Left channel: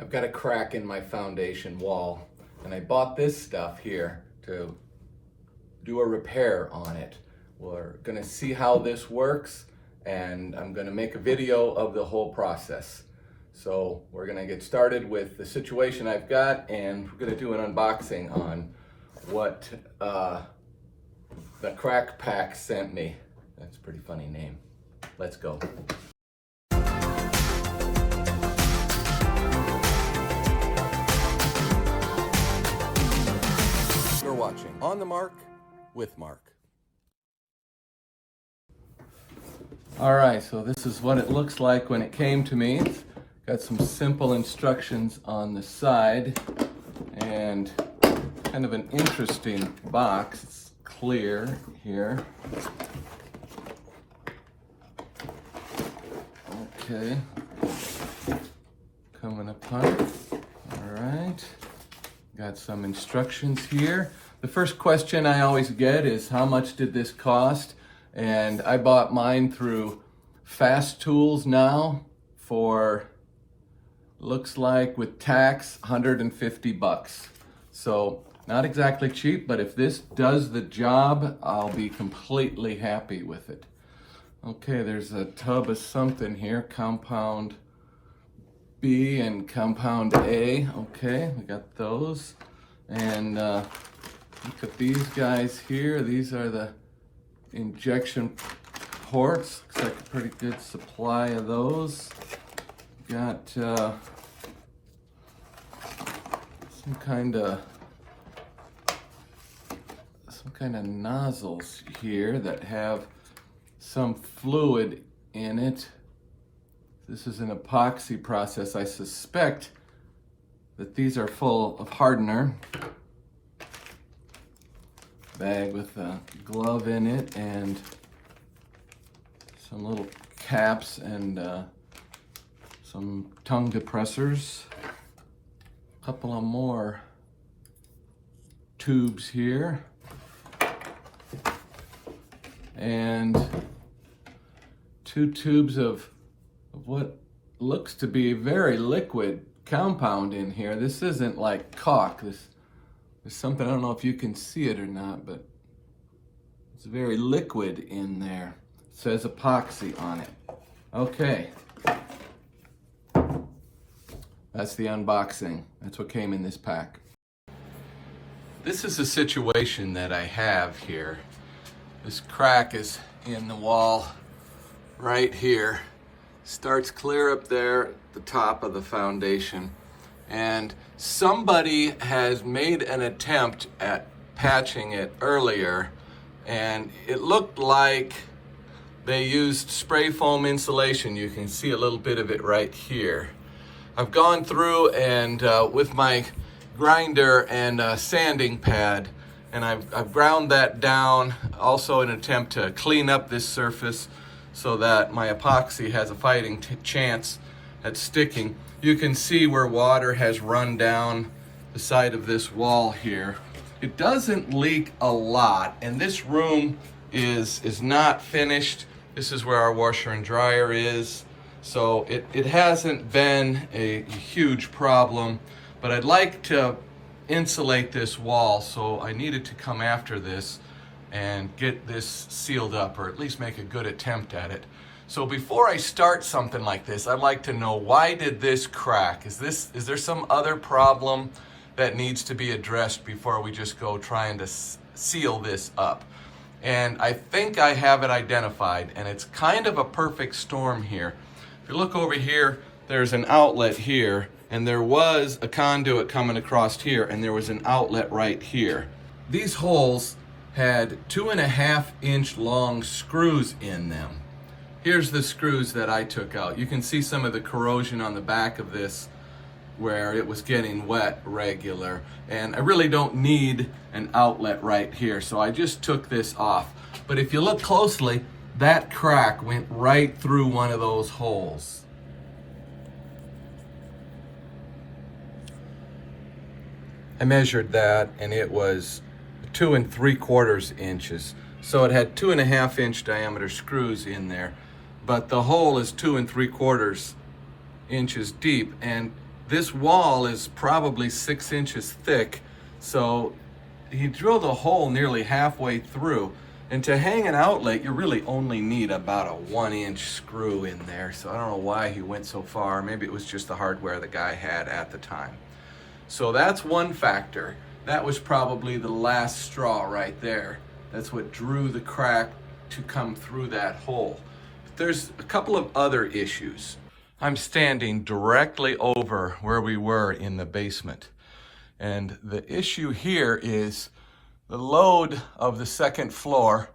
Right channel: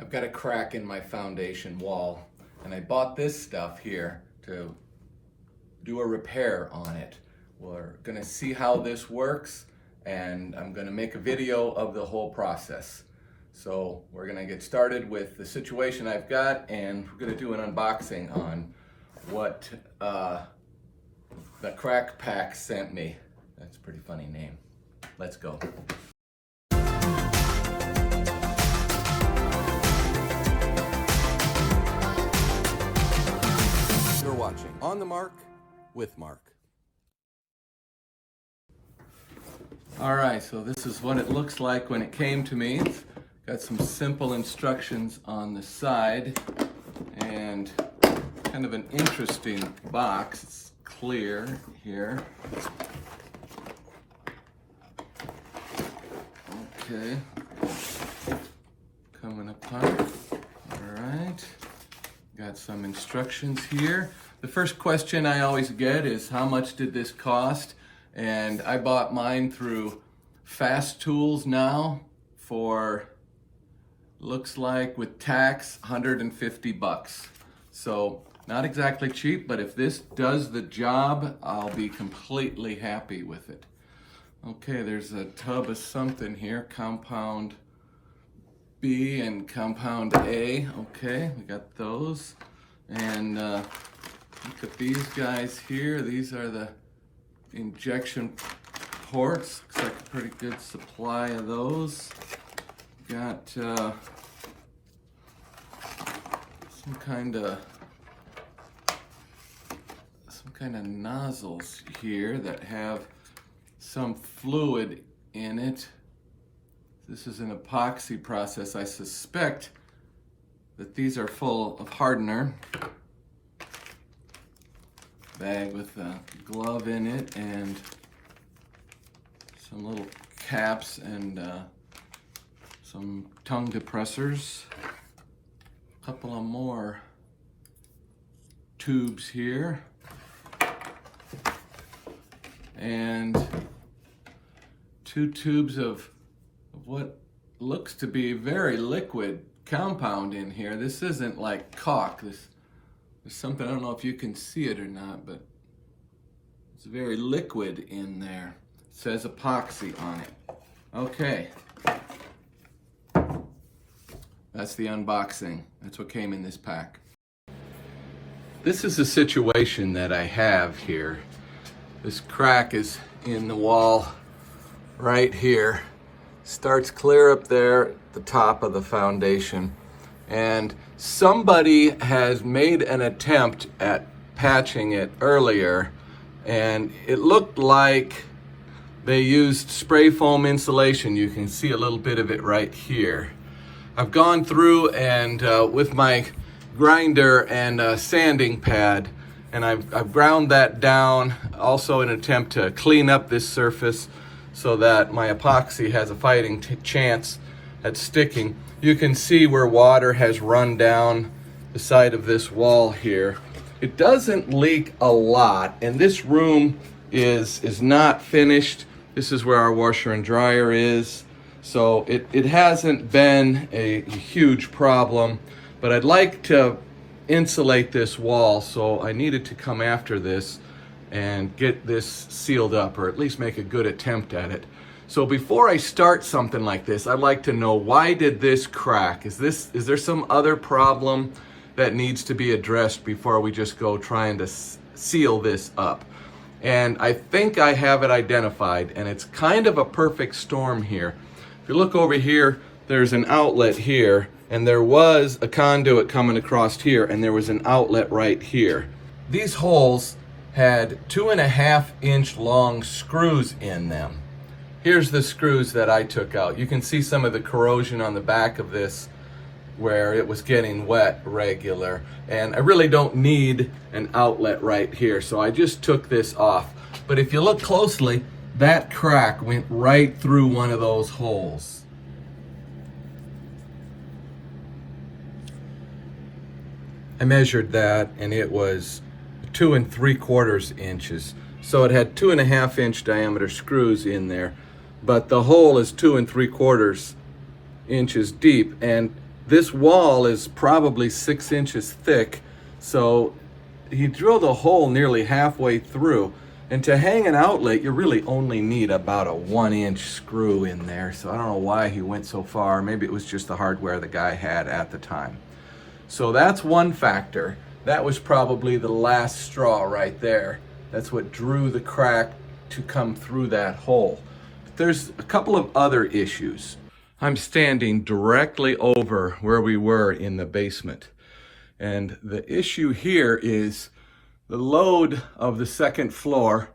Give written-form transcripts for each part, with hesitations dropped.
I've got a crack in my foundation wall, and I bought this stuff here to do a repair on it. We're gonna see how this works, and I'm gonna make a video of the whole process. So we're gonna get started with the situation I've got, and we're gonna do an unboxing on what the Crack-Pac sent me. That's a pretty funny name. Let's go. You're watching On the Mark with Mark. All right, so this is what it looks like when it came to me. It's got some simple instructions on the side and kind of an interesting box. It's clear here. Okay, coming apart. All right, got some instructions here. The first question I always get is, how much did this cost? And I bought mine through Fast Tools now for, looks like with tax, 150 bucks. So not exactly cheap, but if this does the job, I'll be completely happy with it. Okay, there's a tub of something here, compound B and compound A. Okay, we got those. And look at these guys here. These are the injection ports. Looks like a pretty good supply of those. Got some kind of nozzles here that have some fluid in it. This is an epoxy process. I suspect that these are full of hardener. Bag with a glove in it and some little caps and some tongue depressors. A couple of more tubes here. And 2 tubes of what looks to be very liquid compound in here. This isn't like caulk. This is something, I don't know if you can see it or not, but it's very liquid in there. It says epoxy on it. Okay. That's the unboxing. That's what came in this pack. This is the situation that I have here. This crack is in the wall right here. Starts clear up there at the top of the foundation. And somebody has made an attempt at patching it earlier, and it looked like they used spray foam insulation. You can see a little bit of it right here. I've gone through and with my grinder and sanding pad, and I've ground that down, also in an attempt to clean up this surface so that my epoxy has a fighting chance at sticking. You can see where water has run down the side of this wall here. It doesn't leak a lot, and this room is not finished. This is where our washer and dryer is. So it hasn't been a huge problem, but I'd like to insulate this wall, so I needed to come after this and get this sealed up, or at least make a good attempt at it. So before I start something like this, I'd like to know, why did this crack? Is there some other problem that needs to be addressed before we just go trying to seal this up? And I think I have it identified, and it's kind of a perfect storm here. If you look over here, there's an outlet here, and there was a conduit coming across here, and there was an outlet right here. These holes had 2.5-inch long screws in them. Here's the screws that I took out. You can see some of the corrosion on the back of this where it was getting wet regular. And I really don't need an outlet right here, so I just took this off. But if you look closely, that crack went right through one of those holes. I measured that, and it was 2 3/4 inches. So it had 2.5-inch diameter screws in there, but the hole is 2 3/4 inches deep, and This wall is probably 6 inches thick, so he drilled a hole nearly halfway through. And to hang an outlet, you really only need about a 1-inch screw in there. So I don't know why he went so far. Maybe it was just the hardware the guy had at the time. So that's one factor. That was probably the last straw right there. That's what drew the crack to come through that hole. But there's a couple of other issues. I'm standing directly over where we were in the basement. And the issue here is the load of the second floor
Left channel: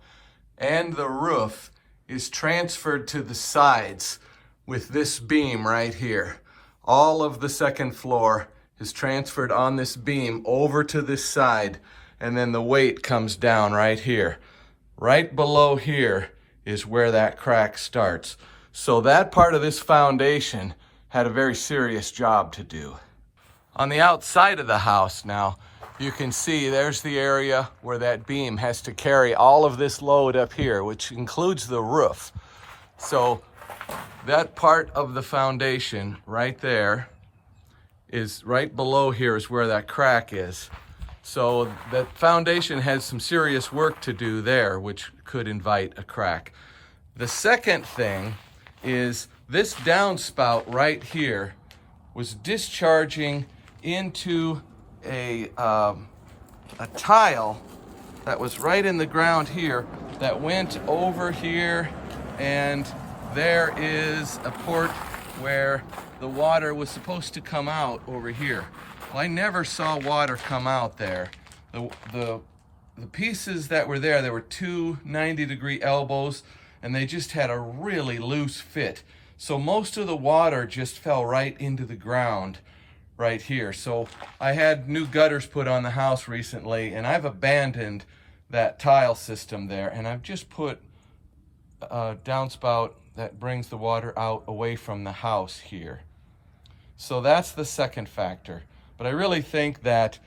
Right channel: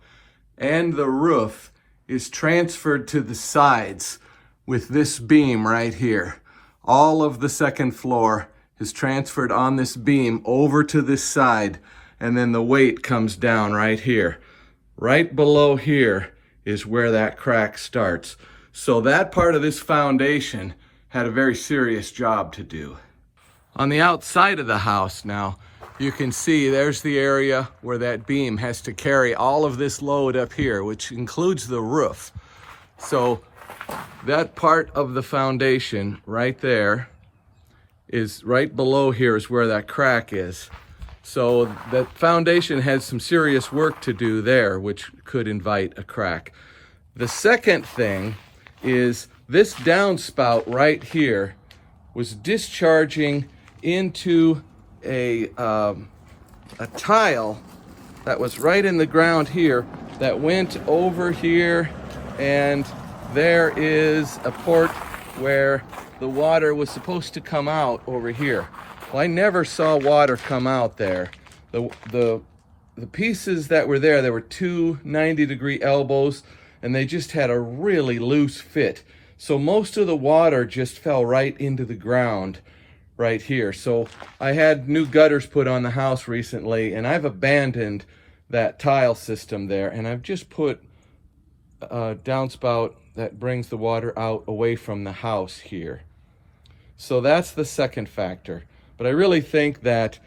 and the roof is transferred to the sides with this beam right here. All of the second floor is transferred on this beam over to this side, and then the weight comes down right here. Right below here is where that crack starts. So that part of this foundation had a very serious job to do. On the outside of the house now, you can see there's the area where that beam has to carry all of this load up here, which includes the roof. So that part of the foundation right there is right below here is where that crack is. So the foundation has some serious work to do there, which could invite a crack. The second thing is this downspout right here was discharging into a tile that was right in the ground here that went over here, and there is a port where the water was supposed to come out over here. Well, I never saw water come out there. The pieces that were there were two 90-degree elbows, and they just had a really loose fit. So most of the water just fell right into the ground right here. So I had new gutters put on the house recently, and I've abandoned that tile system there, and I've just put a downspout that brings the water out away from the house here. So that's the second factor. But I really think that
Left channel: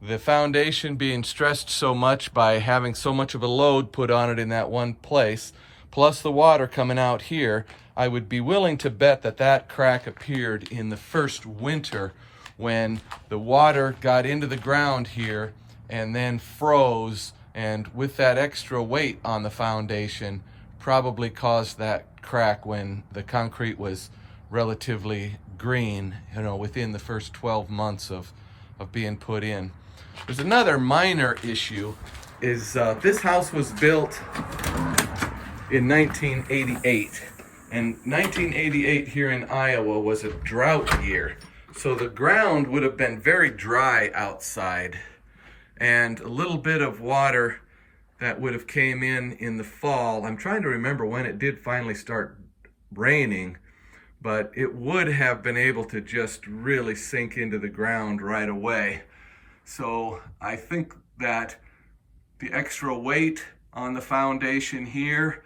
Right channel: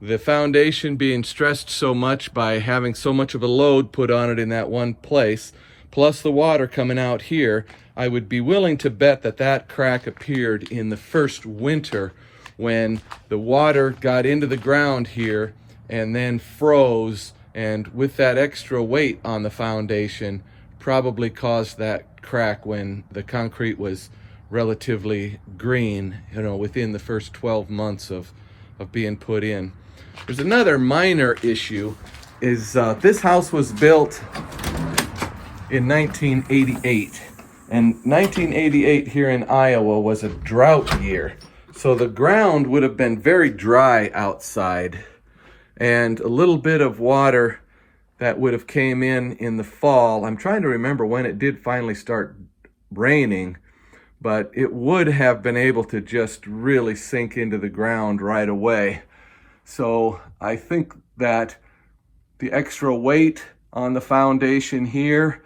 the foundation being stressed so much by having so much of a load put on it in that one place, plus the water coming out here, I would be willing to bet that that crack appeared in the first winter when the water got into the ground here and then froze, and with that extra weight on the foundation probably caused that crack when the concrete was relatively green, you know, within the first 12 months of being put in. There's another minor issue is this house was built in 1988, and 1988 here in Iowa was a drought year. So the ground would have been very dry outside, and a little bit of water that would have came in the fall. I'm trying to remember when it did finally start raining, but it would have been able to just really sink into the ground right away. So I think that the extra weight on the foundation here,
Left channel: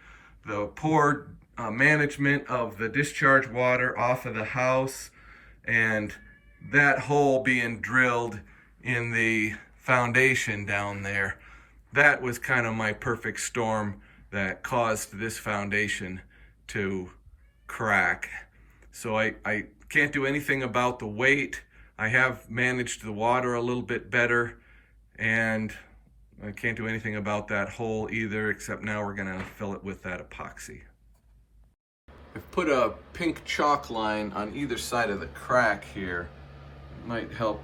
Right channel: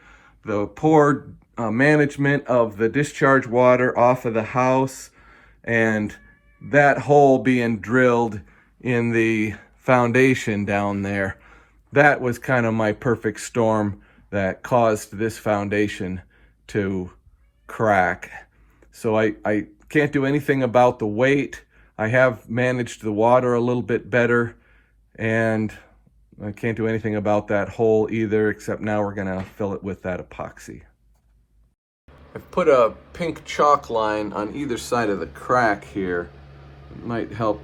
the poor management of the discharge water off of the house, and that hole being drilled in the foundation down there, that was kind of my perfect storm that caused this foundation to crack. So I can't do anything about the weight. I have managed the water a little bit better, and I can't do anything about that hole either, except now we're gonna fill it with that epoxy. I've put a pink chalk line on either side of the crack here. It might help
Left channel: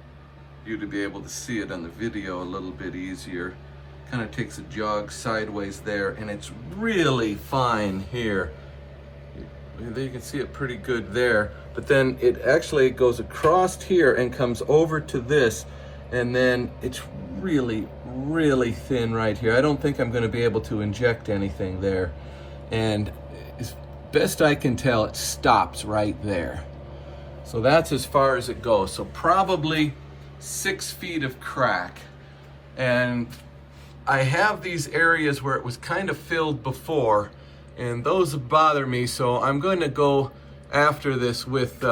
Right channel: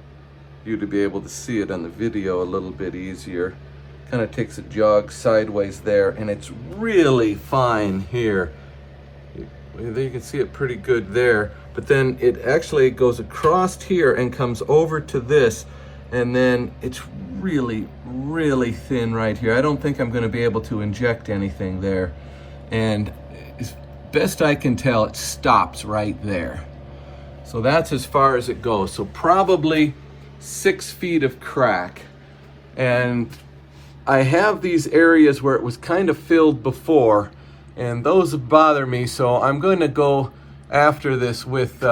you to be able to see it on the video a little bit easier. Kind of takes a jog sideways there, and it's really fine here. You can see it pretty good there, but then it actually goes across here and comes over to this, and then it's really, really thin right here. I don't think I'm going to be able to inject anything there, and as best I can tell, it stops right there. So that's as far as it goes. So probably 6 feet of crack, and I have these areas where it was kind of filled before, and those bother me, so I'm going to go after this with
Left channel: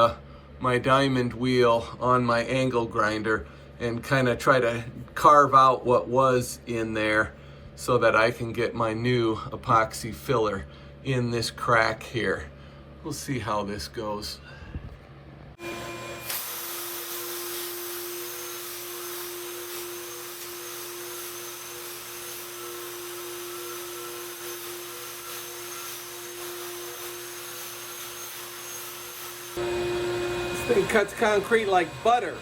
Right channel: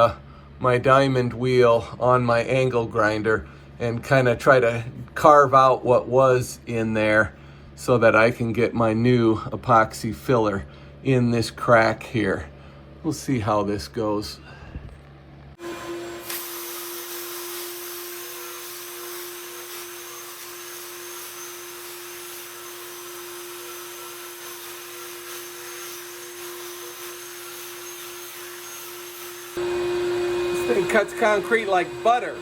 my diamond wheel on my angle grinder and kind of try to carve out what was in there so that I can get my new epoxy filler in this crack here. We'll see how this goes. thing cuts concrete like butter.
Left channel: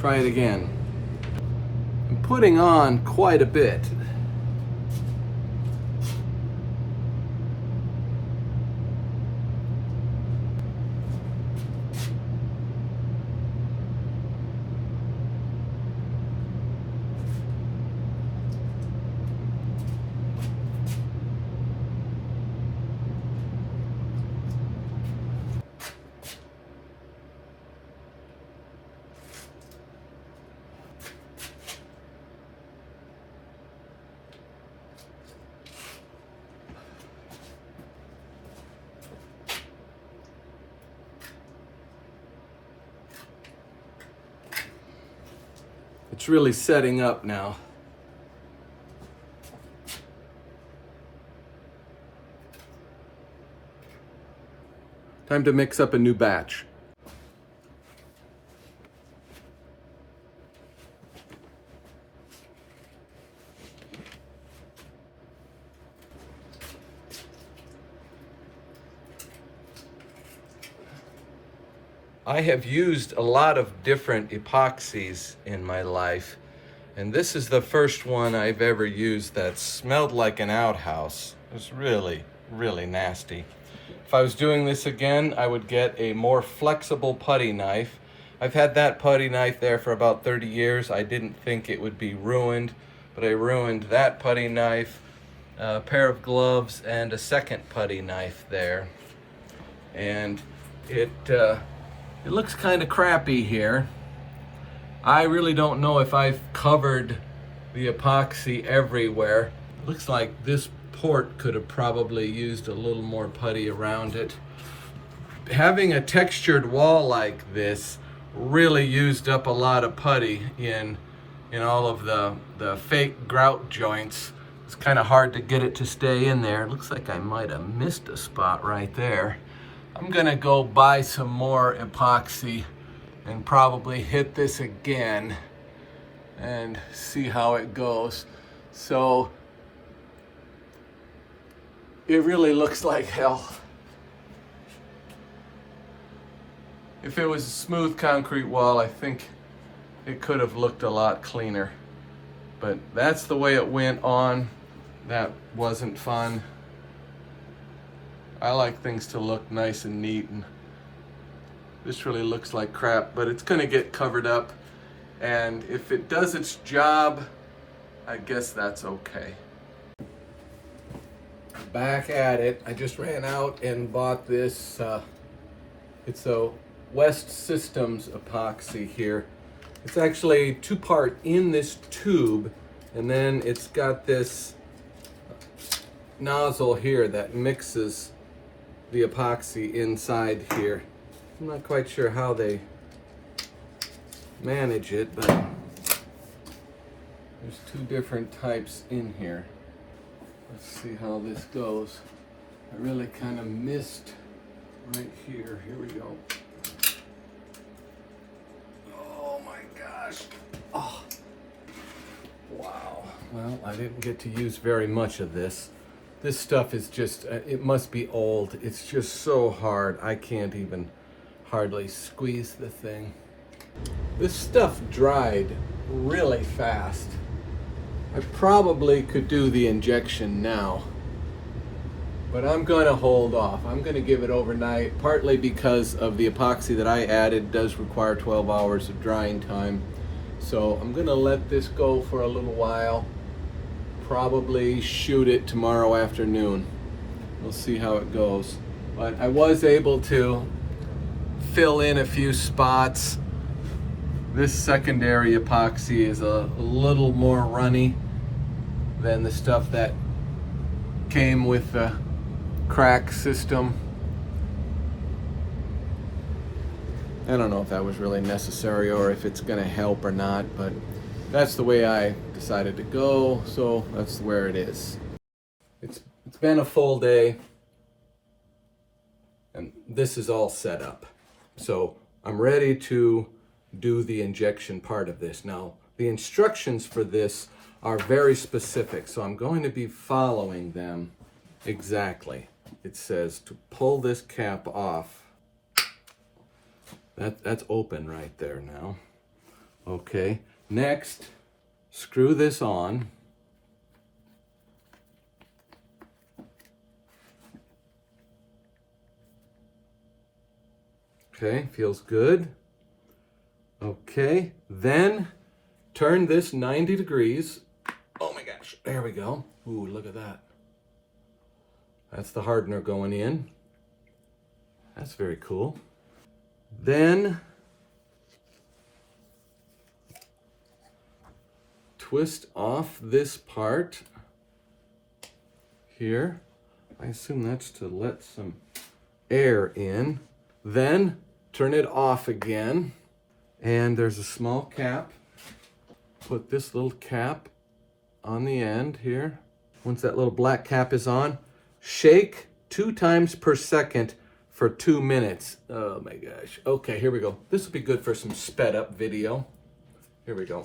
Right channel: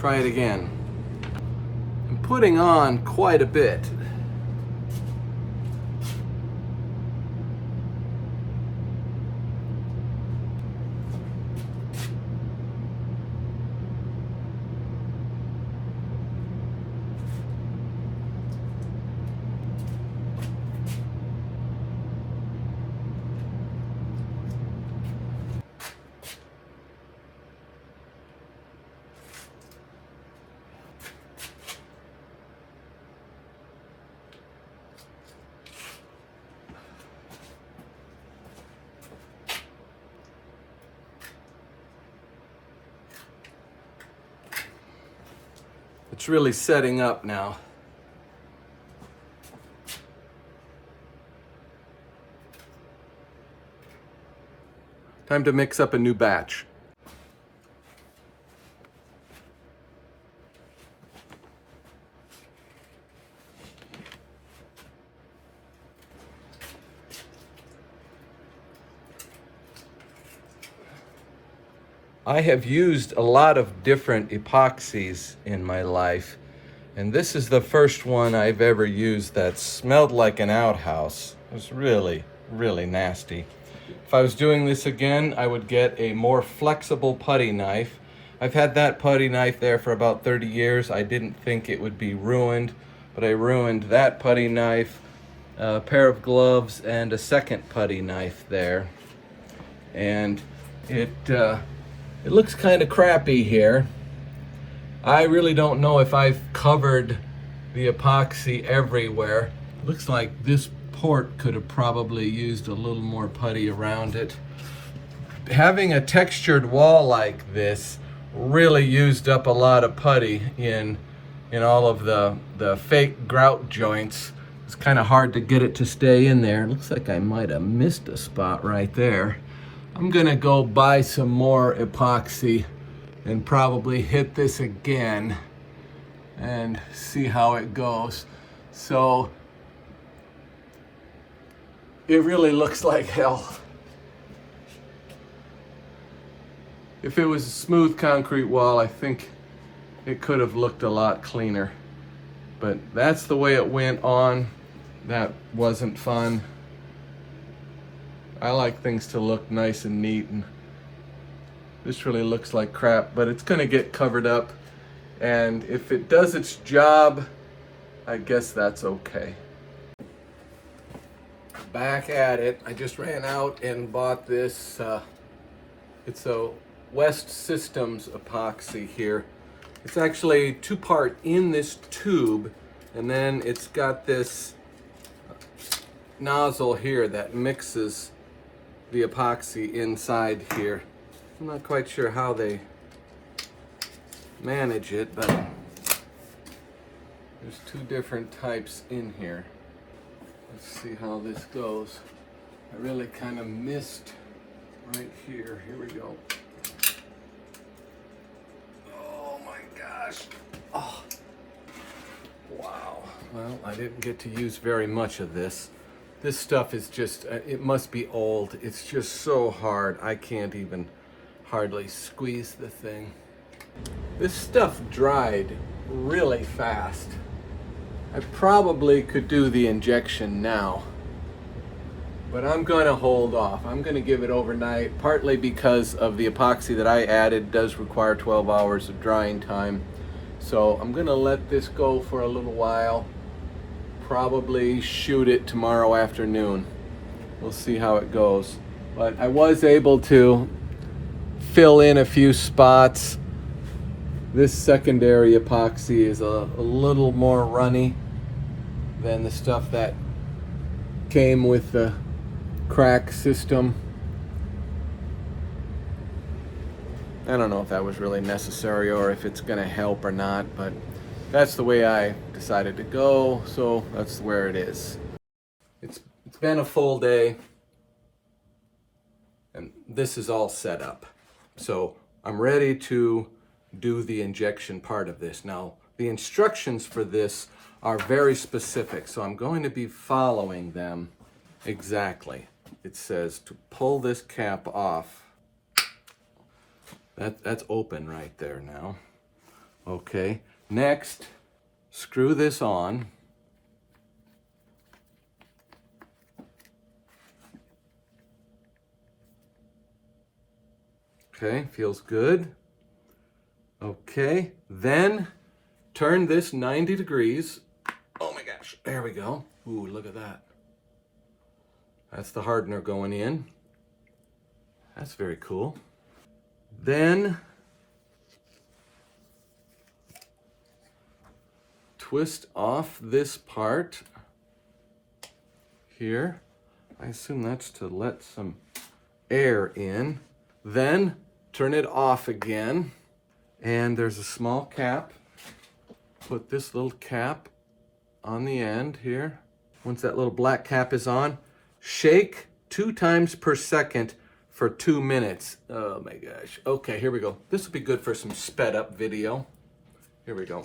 Try it again. I'm putting on quite a bit. It's really setting up now. Time to mix up a new batch. I have used a lot of different epoxies in my life, and this is the first one I've ever used that smelled like an outhouse. It was really, really nasty. If I was doing this again, I would get a more flexible putty knife. I've had that putty knife there for about 30 years. I didn't think it would be ruined, but I ruined that putty knife, a pair of gloves, and a second putty knife there. And it looks kind of crappy here. I really don't know if I've covered the epoxy everywhere. It looks like this port could have probably used a little more putty around it. Having a textured wall like this really used up a lot of putty in all of the fake grout joints. It's kind of hard to get it to stay in there. It looks like I might have missed a spot right there. I'm gonna go buy some more epoxy and probably hit this again and see how it goes. So it really looks like hell. If it was a smooth concrete wall, I think it could have looked a lot cleaner. But that's the way it went on. That wasn't fun. I like things to look nice and neat, and this really looks like crap, but it's gonna get covered up. And if it does its job, I guess that's okay. Back at it. I just ran out and bought this. It's a West Systems epoxy here. It's actually two-part in this tube, and then it's got this nozzle here that mixes the epoxy inside here. I'm not quite sure how they manage it, but there's two different types in here. Let's see how this goes. I really kind of missed right here. Here we go. Oh my gosh. Oh. Wow. Well, I didn't get to use very much of this. This stuff is just, it must be old. It's just so hard. I can't even hardly squeeze the thing. This stuff dried really fast. I probably could do the injection now, but I'm going to hold off. I'm going to give it overnight, partly because of the epoxy that I added does require 12 hours of drying time. So I'm going to let this go for a little while. Probably shoot it tomorrow afternoon. We'll see how it goes. But I was able to fill in a few spots. This secondary epoxy is a little more runny than the stuff that came with the crack system. I don't know if that was really necessary or if it's gonna help or not, but that's the way I decided to go, so that's where it is. It's been a full day, and this is all set up. So I'm ready to do the injection part of this. Now, the instructions for this are very specific, so I'm going to be following them exactly. It says to pull this cap off. That's open right there now. Okay, next, screw this on. Okay, feels good. Okay, then turn this 90 degrees. Oh my gosh, there we go. Ooh, look at that. That's the hardener going in. That's very cool. Then twist off this part here. I assume that's to let some air in. Then turn it off again. And there's a small cap. Put this little cap on the end here. Once that little black cap is on, shake 2 times per second for 2 minutes. Oh my gosh. Okay, here we go. This will be good for some sped up video. Here we go.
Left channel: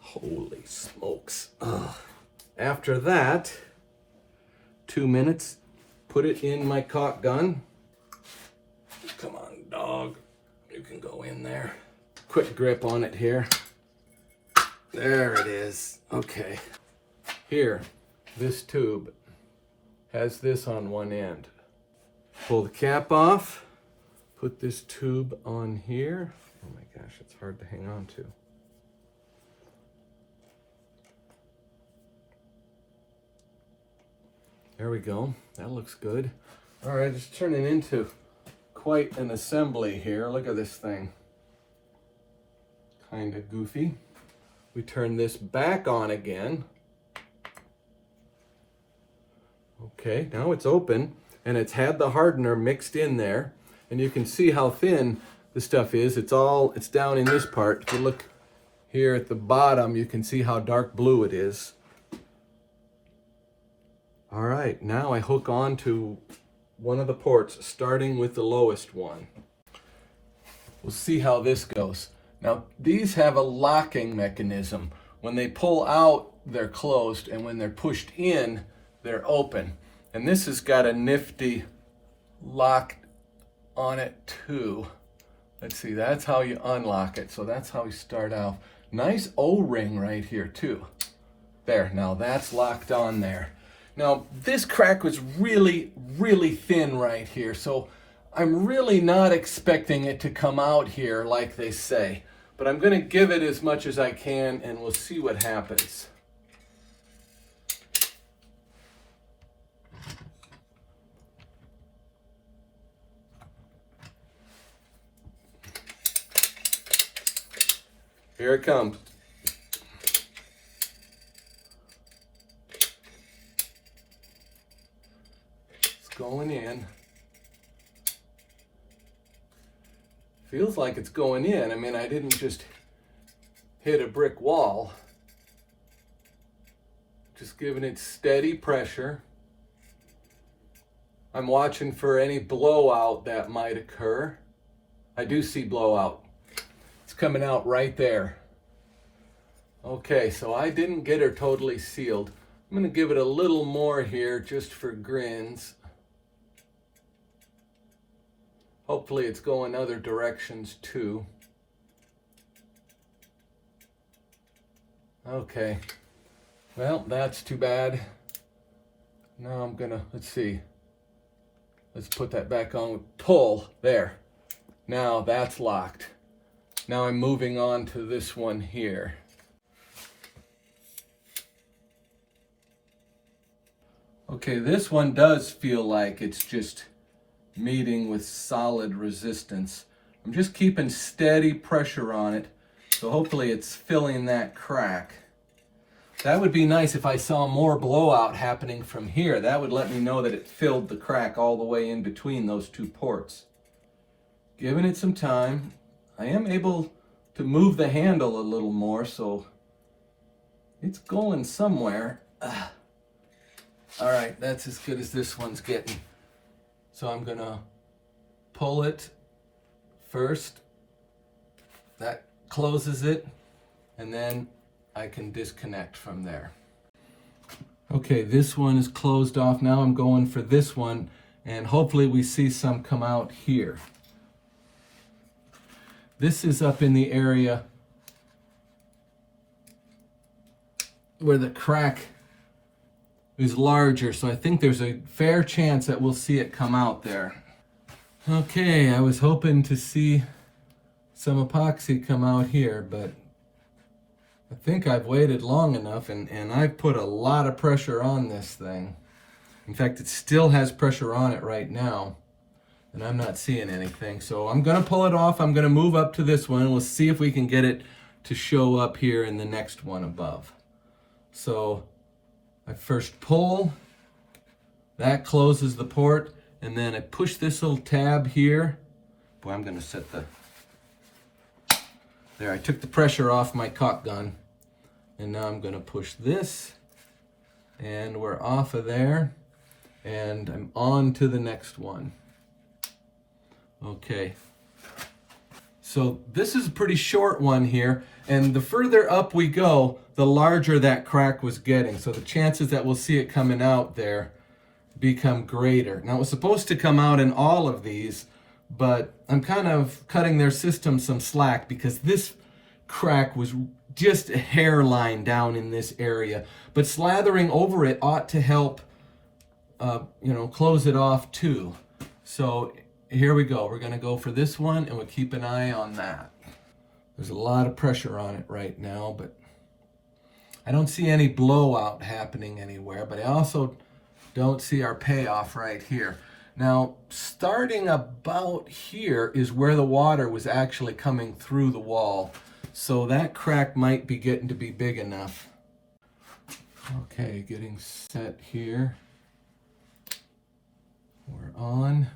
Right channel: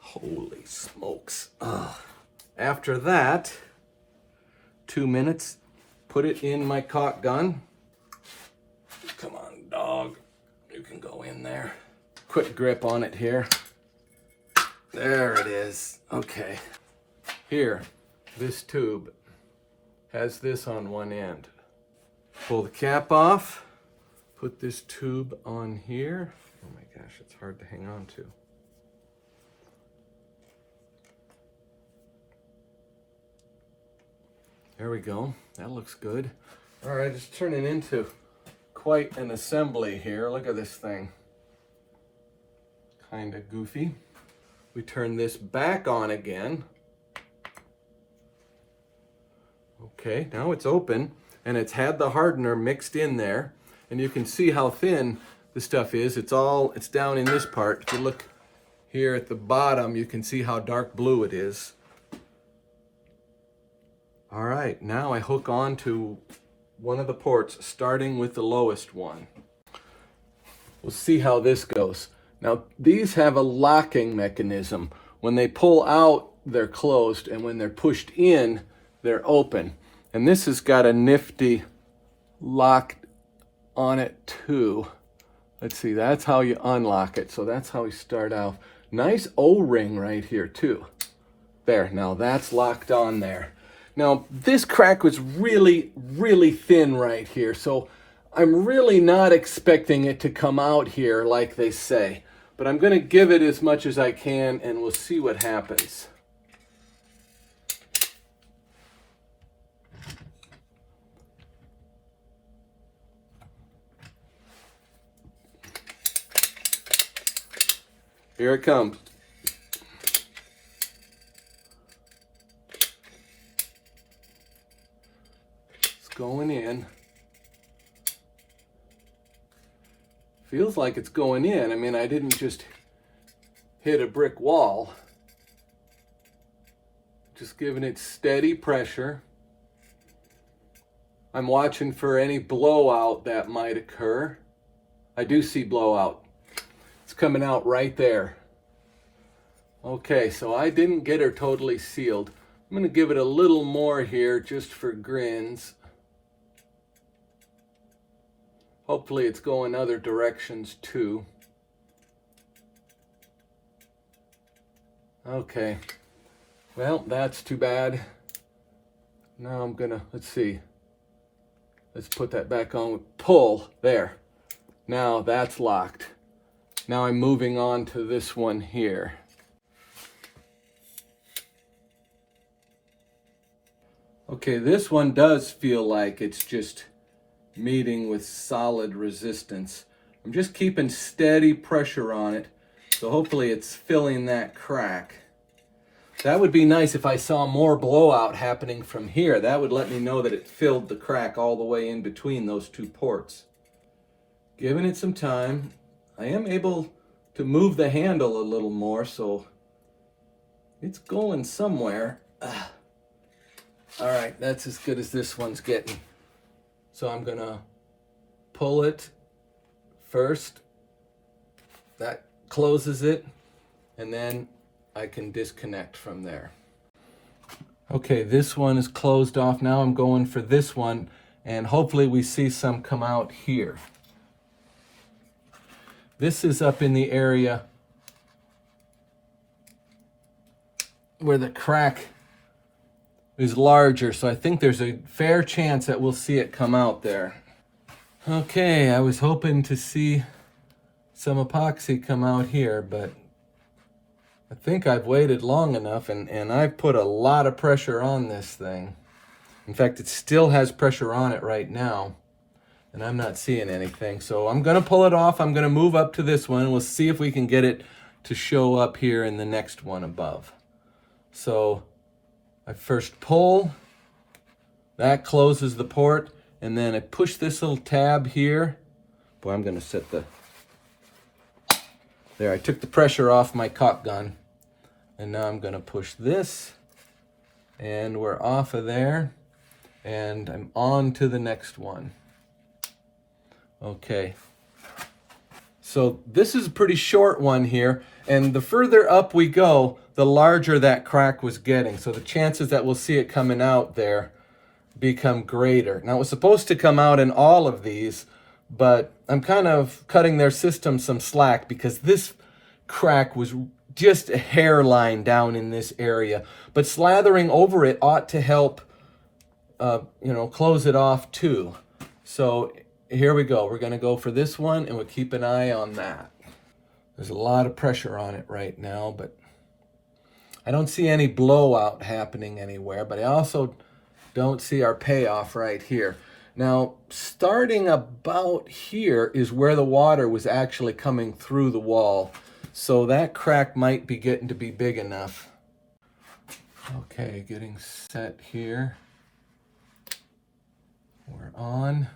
Holy smokes. Ugh. After that, 2 minutes, put it in my caulk gun. Come on, dog. You can go in there. Quick grip on it here. There it is. Okay. Here, this tube has this on one end. Pull the cap off. Put this tube on here. Oh my gosh, it's hard to hang on to. There we go. That looks good. All right, it's turning into quite an assembly here. Look at this thing. Kind of goofy. We turn this back on again. Okay, now it's open, and it's had the hardener mixed in there, and you can see how thin the stuff is. It's down in this part. If you look here at the bottom, you can see how dark blue it is. All right, now I hook on to one of the ports, starting with the lowest one. We'll see how this goes. Now, these have a locking mechanism. When they pull out, they're closed, and when they're pushed in, they're open. And this has got a nifty lock on it too. Let's see, that's how you unlock it. So that's how we start out. Nice O-ring right here too. There, now that's locked on there. Now, this crack was really, really thin right here, so I'm really not expecting it to come out here like they say, but I'm going to give it as much as I can and we'll see what happens. Here it comes. It's going in. Feels like it's going in. I mean, I didn't just hit a brick wall. Just giving it steady pressure. I'm watching for any blowout that might occur. I do see blowout. It's coming out right there. Okay, so I didn't get her totally sealed. I'm going to give it a little more here just for grins. Hopefully it's going other directions too. Okay, well, that's too bad. Now I'm gonna, let's see. Let's put that back on, pull, there. Now that's locked. Now I'm moving on to this one here. Okay, this one does feel like it's just meeting with solid resistance. I'm just keeping steady pressure on it, so hopefully it's filling that crack. That would be nice if I saw more blowout happening from here. That would let me know that it filled the crack all the way in between those two ports. Giving it some time. I am able to move the handle a little more, so it's going somewhere. All right, that's as good as this one's getting. So I'm gonna pull it first. That closes it, and then I can disconnect from there. Okay, this one is closed off. Now I'm going for this one, and hopefully we see some come out here. This is up in the area where the crack is larger, so I think there's a fair chance that we'll see it come out there. Okay, I was hoping to see some epoxy come out here, but I think I've waited long enough, and I've put a lot of pressure on this thing. In fact, it still has pressure on it right now, and I'm not seeing anything. So I'm gonna pull it off. I'm gonna move up to this one, and we'll see if we can get it to show up here in the next one above. So I first pull, that closes the port, and then I push this little tab here. Boy, I'm gonna set the, there, I took the pressure off my caulk gun, and now I'm gonna push this, and we're off of there, and I'm on to the next one. Okay, so this is a pretty short one here, and the further up we go, the larger that crack was getting. So the chances that we'll see it coming out there become greater. Now it was supposed to come out in all of these, but I'm kind of cutting their system some slack because this crack was just a hairline down in this area. But slathering over it ought to help, close it off too. So here we go. We're gonna go for this one, and we'll keep an eye on that. There's a lot of pressure on it right now, but I don't see any blowout happening anywhere, but I also don't see our payoff right here. Now, starting about here is where the water was actually coming through the wall. So that crack might be getting to be big enough. Okay, getting set here. We're on.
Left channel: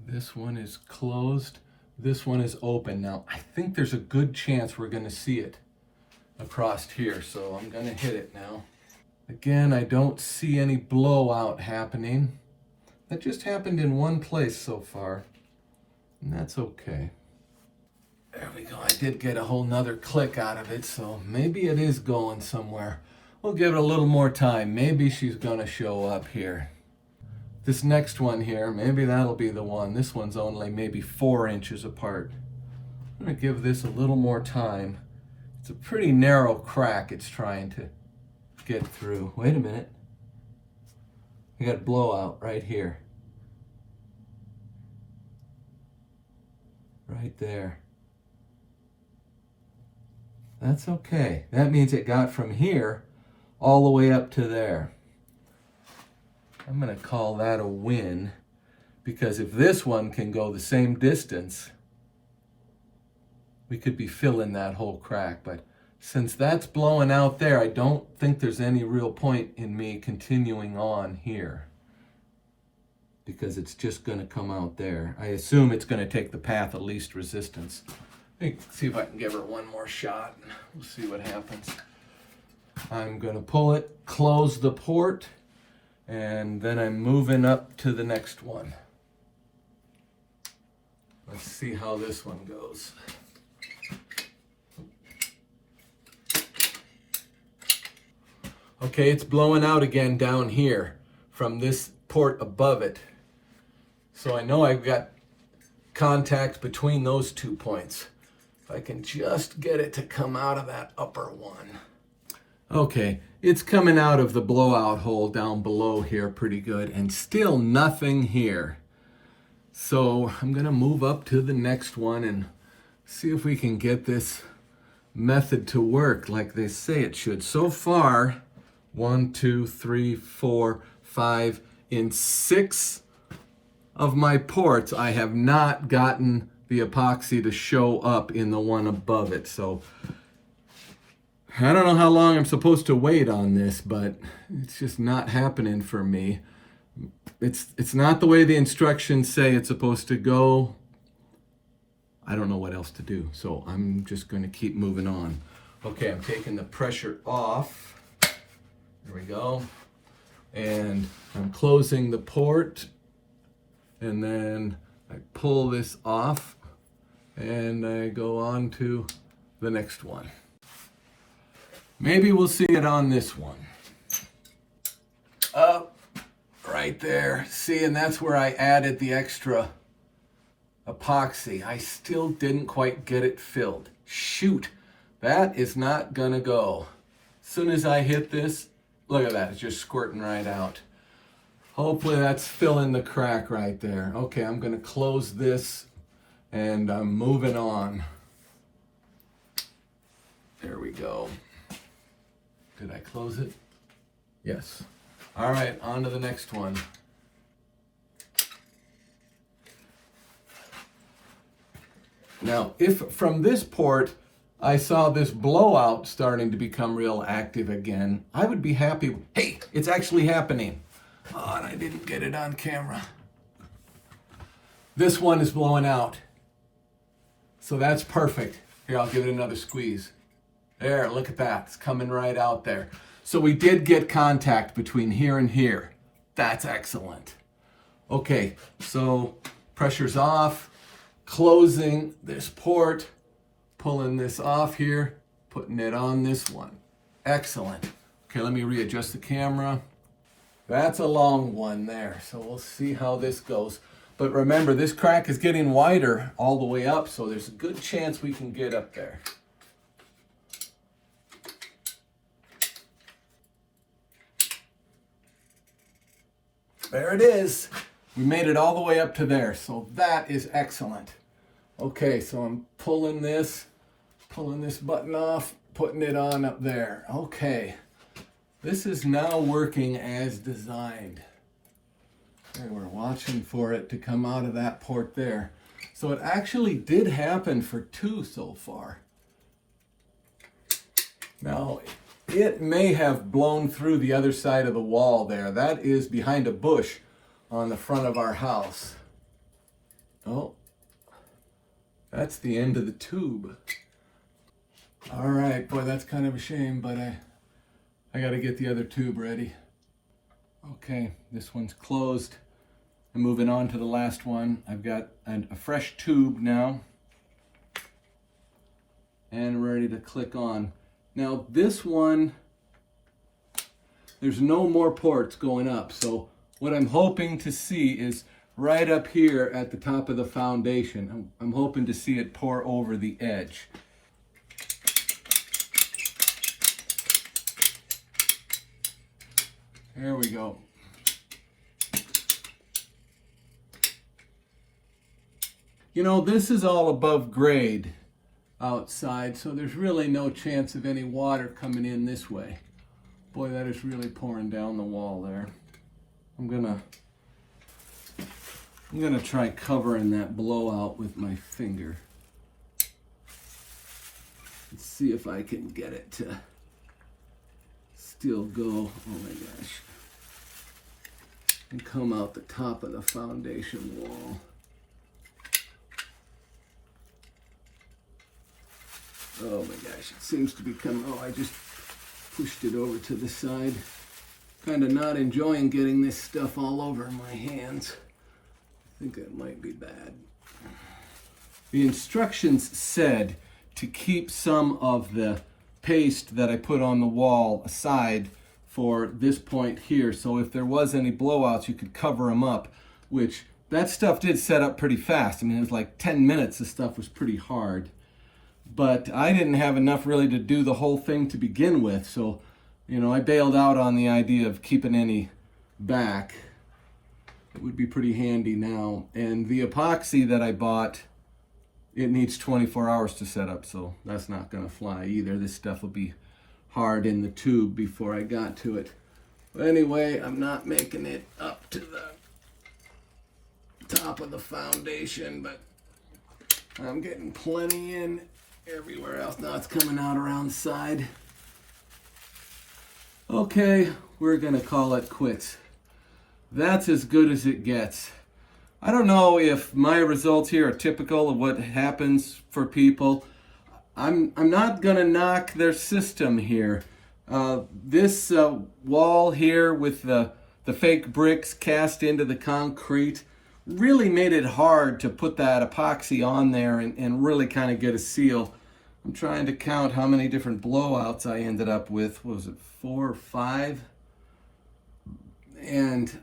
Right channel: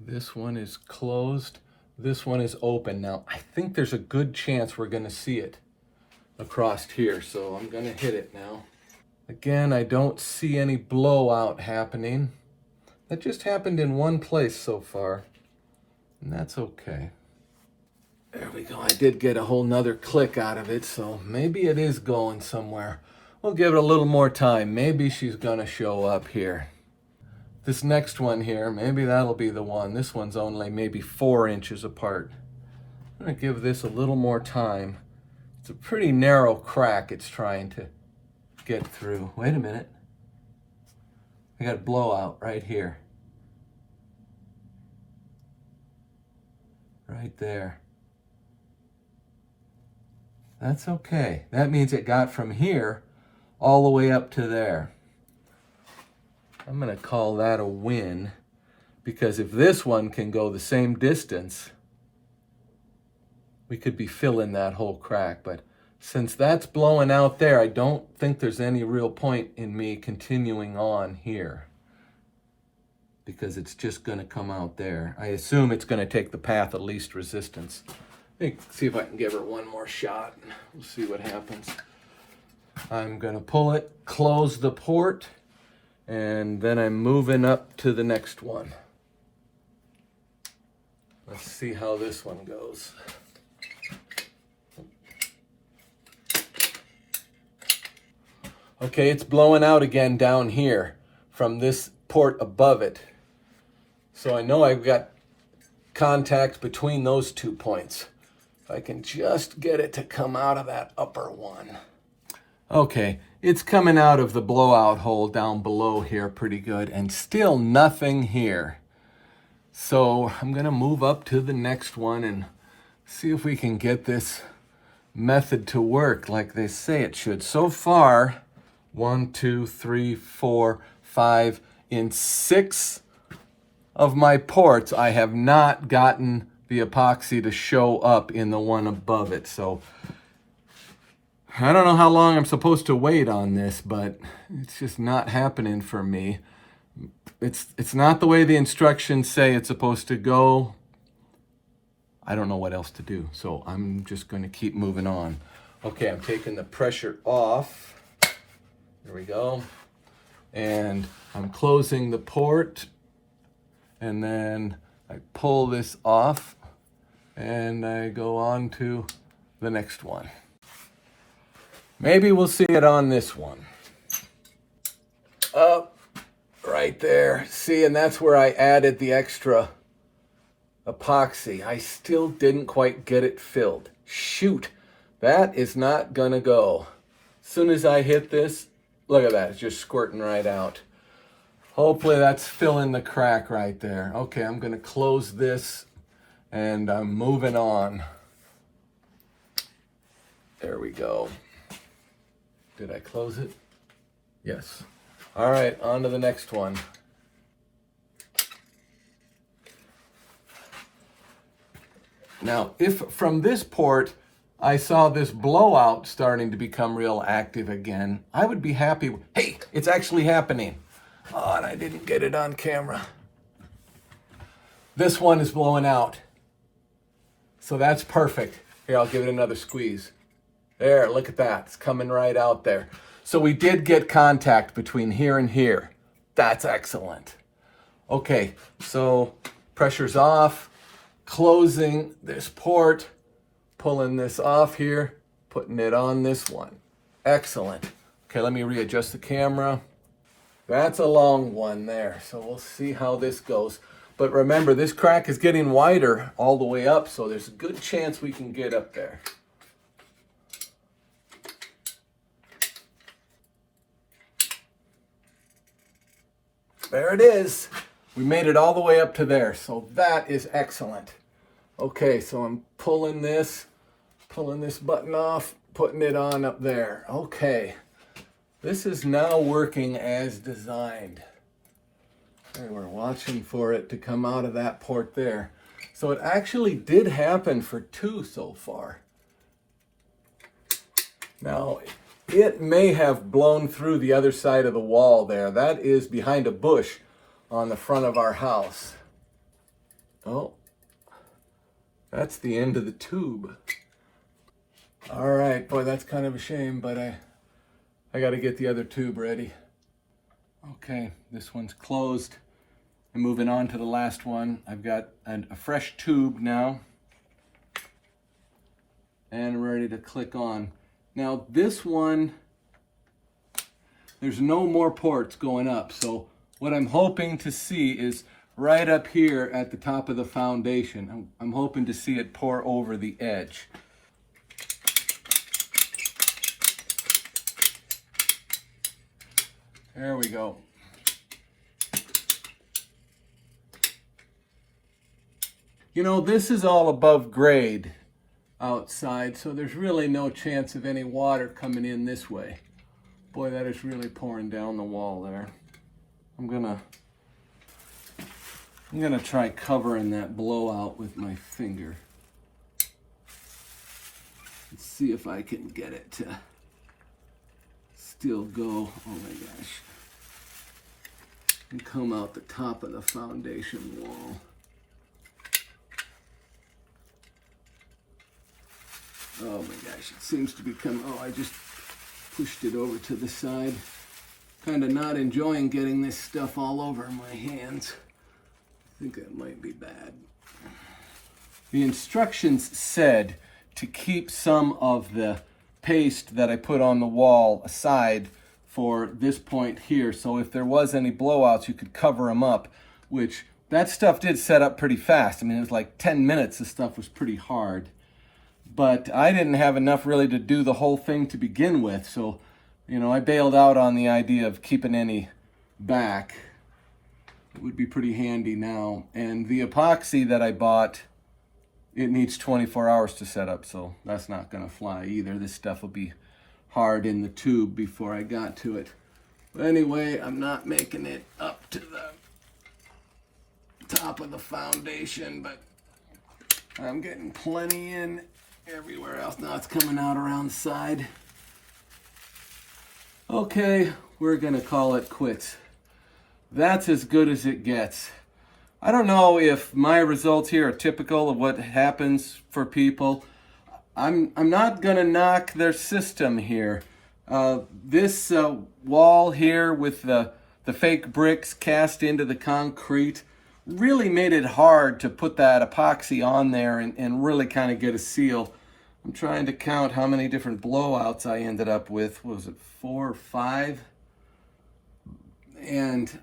This one is closed. This one is open. Now, I think there's a good chance we're gonna see it across here, so I'm gonna hit it now. Again, I don't see any blowout happening. That just happened in one place so far, and that's okay. There we go. I did get a whole nother click out of it, so maybe it is going somewhere. We'll give it a little more time. Maybe she's gonna show up here. This next one here, maybe that'll be the one. This one's only maybe 4 inches apart. I'm gonna give this a little more time. It's a pretty narrow crack it's trying to get through. Wait a minute. I got a blowout right here. right there. That's okay. That means it got from here all the way up to there. I'm going to call that a win, because if this one can go the same distance, we could be filling that whole crack. But since that's blowing out there, I don't think there's any real point in me continuing on here, because it's just going to come out there. I assume it's going to take the path of least resistance. See if I can give her one more shot. We'll see what happens. I'm going to pull it, close the port, and then I'm moving up to the next one. Let's see how this one goes. Okay, it's blowing out again down here from this port above it. So I know I've got contact between those 2 points. If I can just get it to come out of that upper one. Okay, it's coming out of the blowout hole down below here pretty good, and still nothing here. So I'm gonna move up to the next one and see if we can get this method to work like they say it should. So far, 1, 2, 3, 4, 5, in 6 of my ports, I have not gotten the epoxy to show up in the one above it. So I don't know how long I'm supposed to wait on this, but it's just not happening for me. It's not the way the instructions say it's supposed to go. I don't know what else to do, so I'm just going to keep moving on. Okay, I'm taking the pressure off. There we go. And I'm closing the port, and then I pull this off, and I go on to the next one. Maybe we'll see it on this one. Up, right there. See, and that's where I added the extra epoxy. I still didn't quite get it filled. Shoot, that is not gonna go. As soon as I hit this, look at that, it's just squirting right out. Hopefully that's filling the crack right there. Okay, I'm gonna close this and I'm moving on. There we go. Did I close it? Yes. All right, on to the next one. Now, if from this port I saw this blowout starting to become real active again, I would be happy. Hey, it's actually happening. Oh, and I didn't get it on camera. This one is blowing out. So that's perfect. Here, I'll give it another squeeze. There, look at that. It's coming right out there. So we did get contact between here and here. That's excellent. Okay, so pressure's off. Closing this port. Pulling this off here. Putting it on this one. Excellent. Okay, let me readjust the camera. That's a long one there. So we'll see how this goes. But remember, this crack is getting wider all the way up, so there's a good chance we can get up there. There it is. We made it all the way up to there, so that is excellent. Okay, so I'm pulling this button off, putting it on up there. Okay, this is now working as designed. Okay, we're watching for it to come out of that port there. So it actually did happen for 2 so far. Now, it may have blown through the other side of the wall there. That is behind a bush on the front of our house. Oh, that's the end of the tube. All right, boy, that's kind of a shame, but I got to get the other tube ready. Okay, this one's closed. I'm moving on to the last one. I've got a fresh tube now, and ready to click on. Now this one, there's no more ports going up, so what I'm hoping to see is right up here at the top of the foundation. I'm hoping to see it pour over the edge. There we go. You know, this is all above grade outside, so there's really no chance of any water coming in this way. Boy, that is really pouring down the wall there. I'm gonna try covering that blowout with my finger. Let's see if I can get it to still go. Oh my gosh. And come out the top of the foundation wall. Oh my gosh, it seems to be coming. Oh, I just pushed it over to the side. Kind of not enjoying getting this stuff all over my hands. I think that might be bad. The instructions said to keep some of the paste that I put on the wall aside for this point here. So if there was any blowouts, you could cover them up, which that stuff did set up pretty fast. I mean, it was like 10 minutes. The stuff was pretty hard. But I didn't have enough really to do the whole thing to begin with. So, you know, I bailed out on the idea of keeping any back. It would be pretty handy now. And the epoxy that I bought, it needs 24 hours to set up, so that's not gonna fly either. This stuff will be hard in the tube before I got to it. But anyway, I'm not making it up to the top of the foundation, but I'm getting plenty in everywhere else. Now it's coming out around the side. Okay, we're gonna call it quits. That's as good as it gets. I don't know if my results here are typical of what happens for people. I'm not gonna knock their system here. This wall here with the fake bricks cast into the concrete really made it hard to put that epoxy on there and really kind of get a seal. I'm trying to count how many different blowouts I ended up with. What was it, 4 or 5? And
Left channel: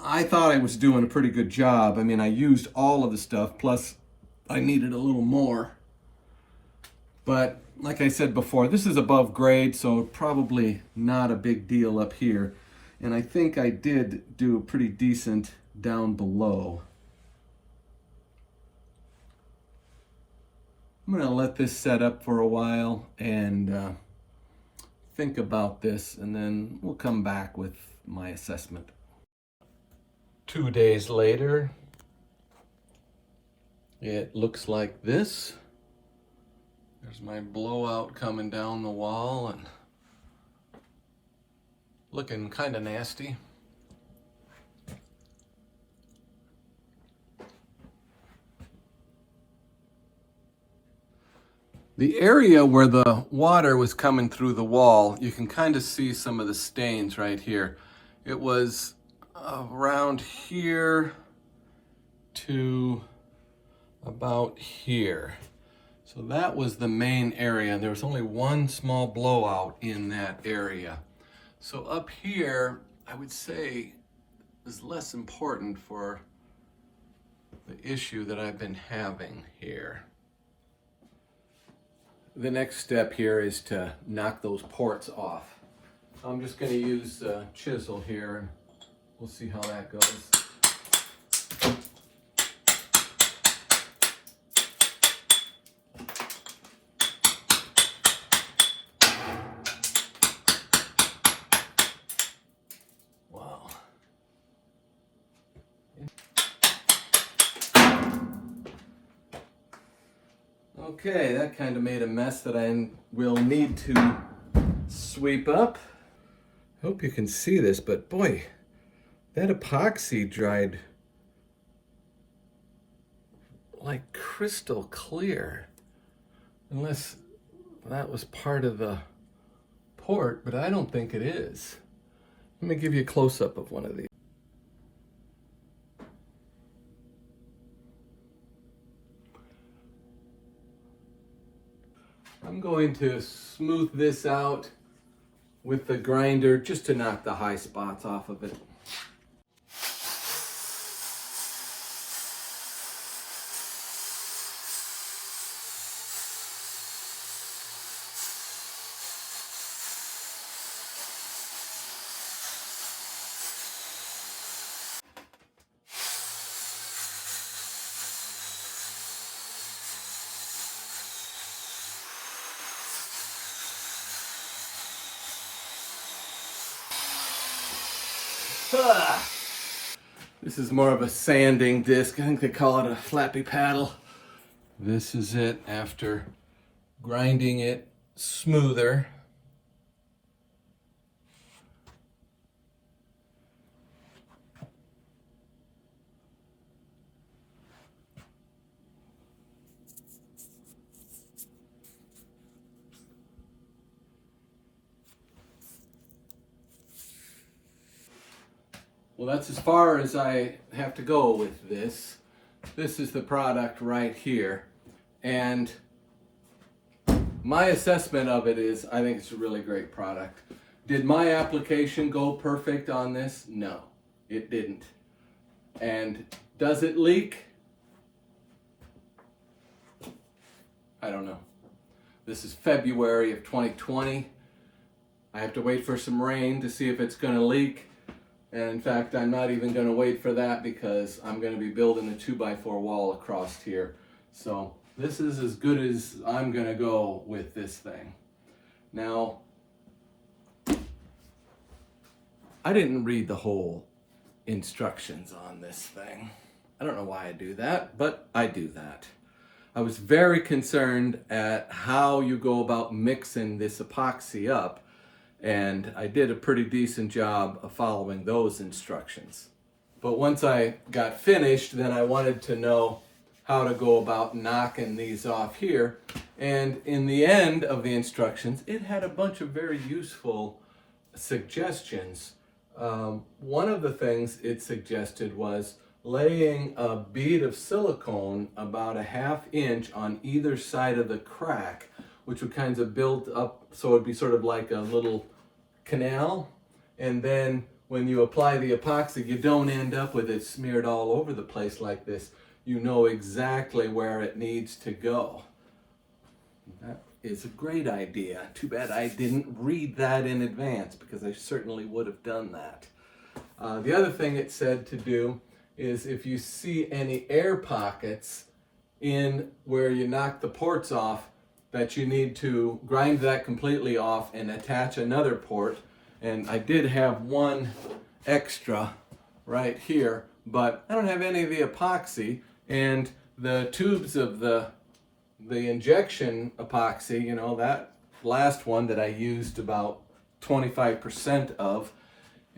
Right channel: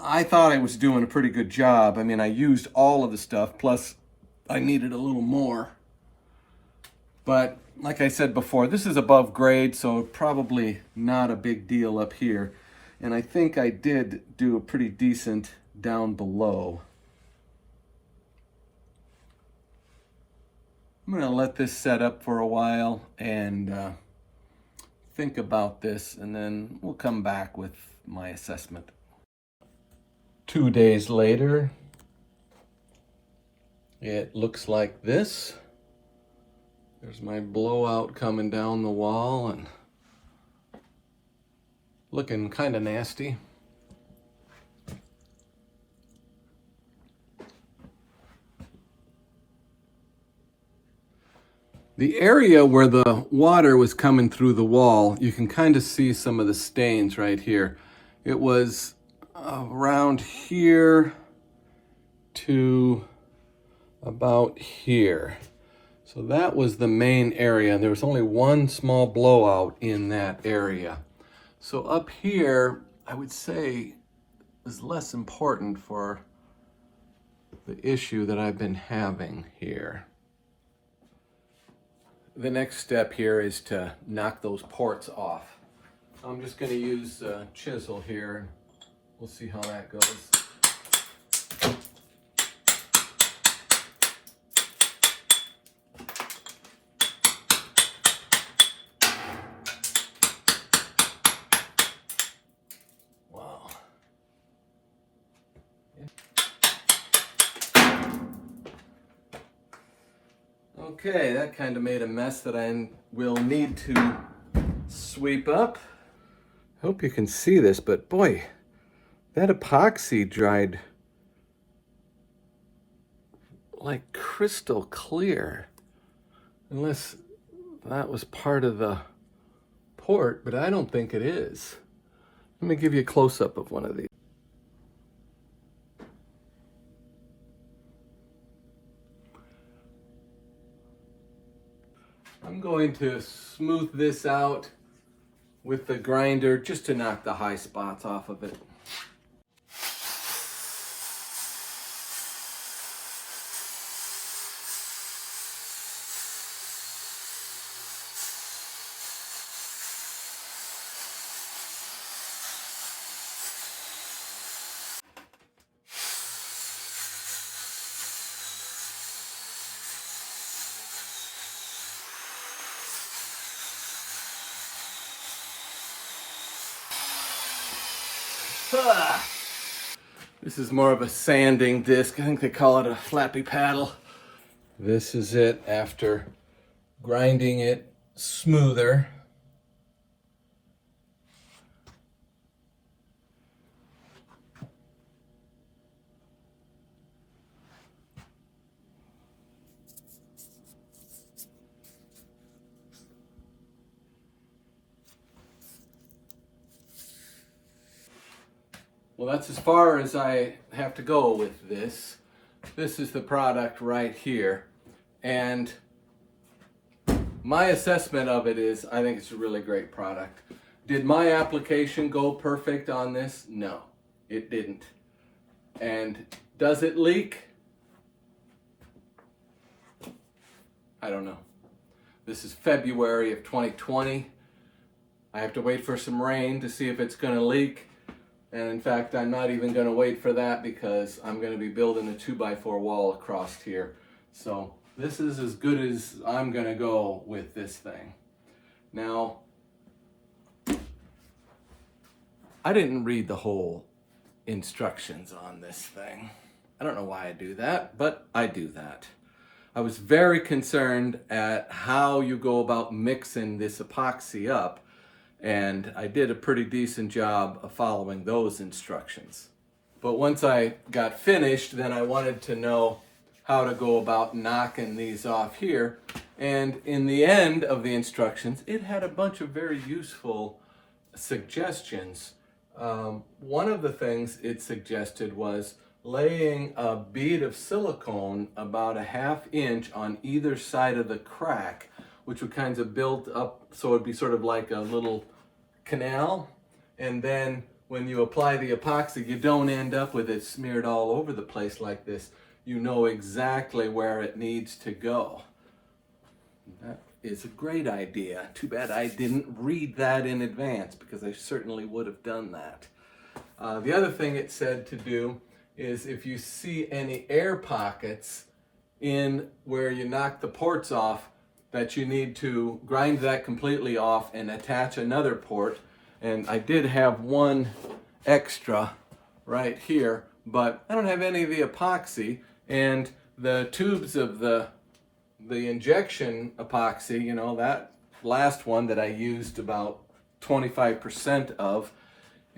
I thought I was doing a pretty good job. I mean, I used all of the stuff, plus I needed a little more. But like I said before, this is above grade, so probably not a big deal up here. And I think I did do a pretty decent down below. I'm gonna let this set up for a while and think about this, and then we'll come back with my assessment. 2 days later, it looks like this. There's my blowout coming down the wall and looking kind of nasty. The area where the water was coming through the wall, you can kind of see some of the stains right here. It was around here to about here. So that was the main area. There was only one small blowout in that area. So up here, I would say, is less important for the issue that I've been having here. The next step here is to knock those ports off. I'm just going to use a chisel here. We'll see how that goes. Wow. Okay, that kind of made a mess that I will need to sweep up. Hope you can see this, but boy, that epoxy dried like crystal clear. Unless that was part of the port, but I don't think it is. Let me give you a close-up of one of these. I'm going to smooth this out with the grinder just to knock the high spots off of it. This is more of a sanding disc. I think they call it a flappy paddle. This is it after grinding it smoother. Well, that's as far as I have to go with this. This is the product right here. And my assessment of it is, I think it's a really great product. Did my application go perfect on this? No, it didn't. And does it leak? I don't know. This is February of 2020. I have to wait for some rain to see if it's going to leak. And in fact, I'm not even going to wait for that because I'm going to be building a 2x4 wall across here. So this is as good as I'm going to go with this thing. Now, I didn't read the whole instructions on this thing. I don't know why I do that, but I do that. I was very concerned at how you go about mixing this epoxy up, and I did a pretty decent job of following those instructions. But once I got finished, then I wanted to know how to go about knocking these off here. And in the end of the instructions, it had a bunch of very useful suggestions. One of the things it suggested was laying a bead of silicone about a 1/2 inch on either side of the crack, which would kind of build up, so it'd be sort of like a little canal. And then when you apply the epoxy, you don't end up with it smeared all over the place like this. You know exactly where it needs to go. That is a great idea. Too bad I didn't read that in advance, because I certainly would have done that. The other thing it said to do is if you see any air pockets in where you knock the ports off, that you need to grind that completely off and attach another port. And I did have one extra right here, but I don't have any of the epoxy, and the tubes of the injection epoxy, you know, that last one that I used about 25% of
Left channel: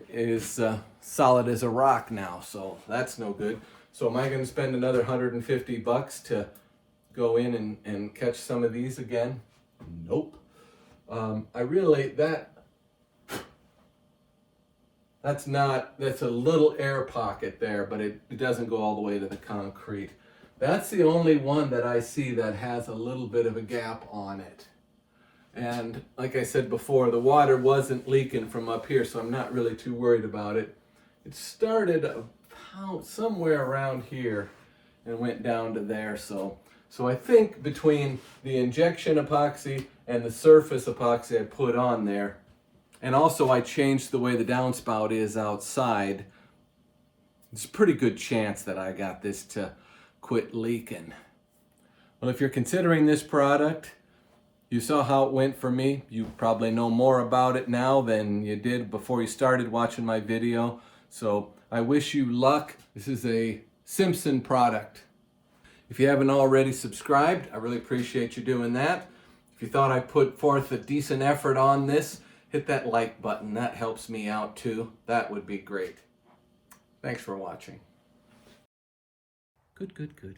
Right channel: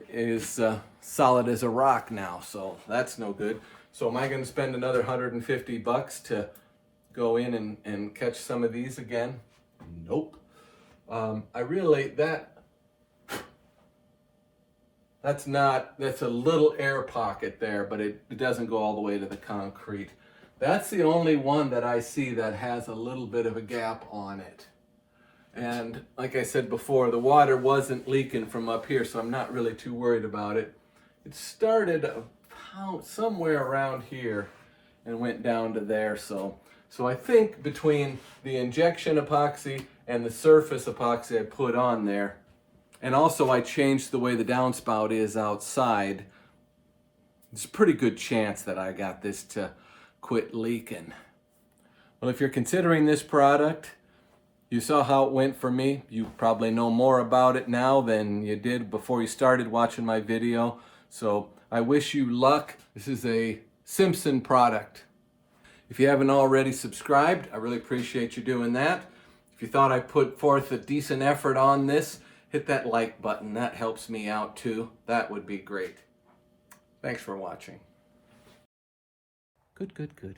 is solid as a rock now, so that's no good. So am I going to spend another $150 to go in and catch some of these again? Nope. That's a little air pocket there, but it doesn't go all the way to the concrete. That's the only one that I see that has a little bit of a gap on it. And like I said before, the water wasn't leaking from up here, so I'm not really too worried about it. It started somewhere around here and went down to there, so I think between the injection epoxy and the surface epoxy I put on there, and also I changed the way the downspout is outside, there's a pretty good chance that I got this to quit leaking. Well, if you're considering this product, you saw how it went for me. You probably know more about it now than you did before you started watching my video. So I wish you luck. This is a Simpson product. If you haven't already subscribed, I really appreciate you doing that. If you thought I put forth a decent effort on this, hit that like button. That helps me out too. That would be great. Thanks for watching. Good.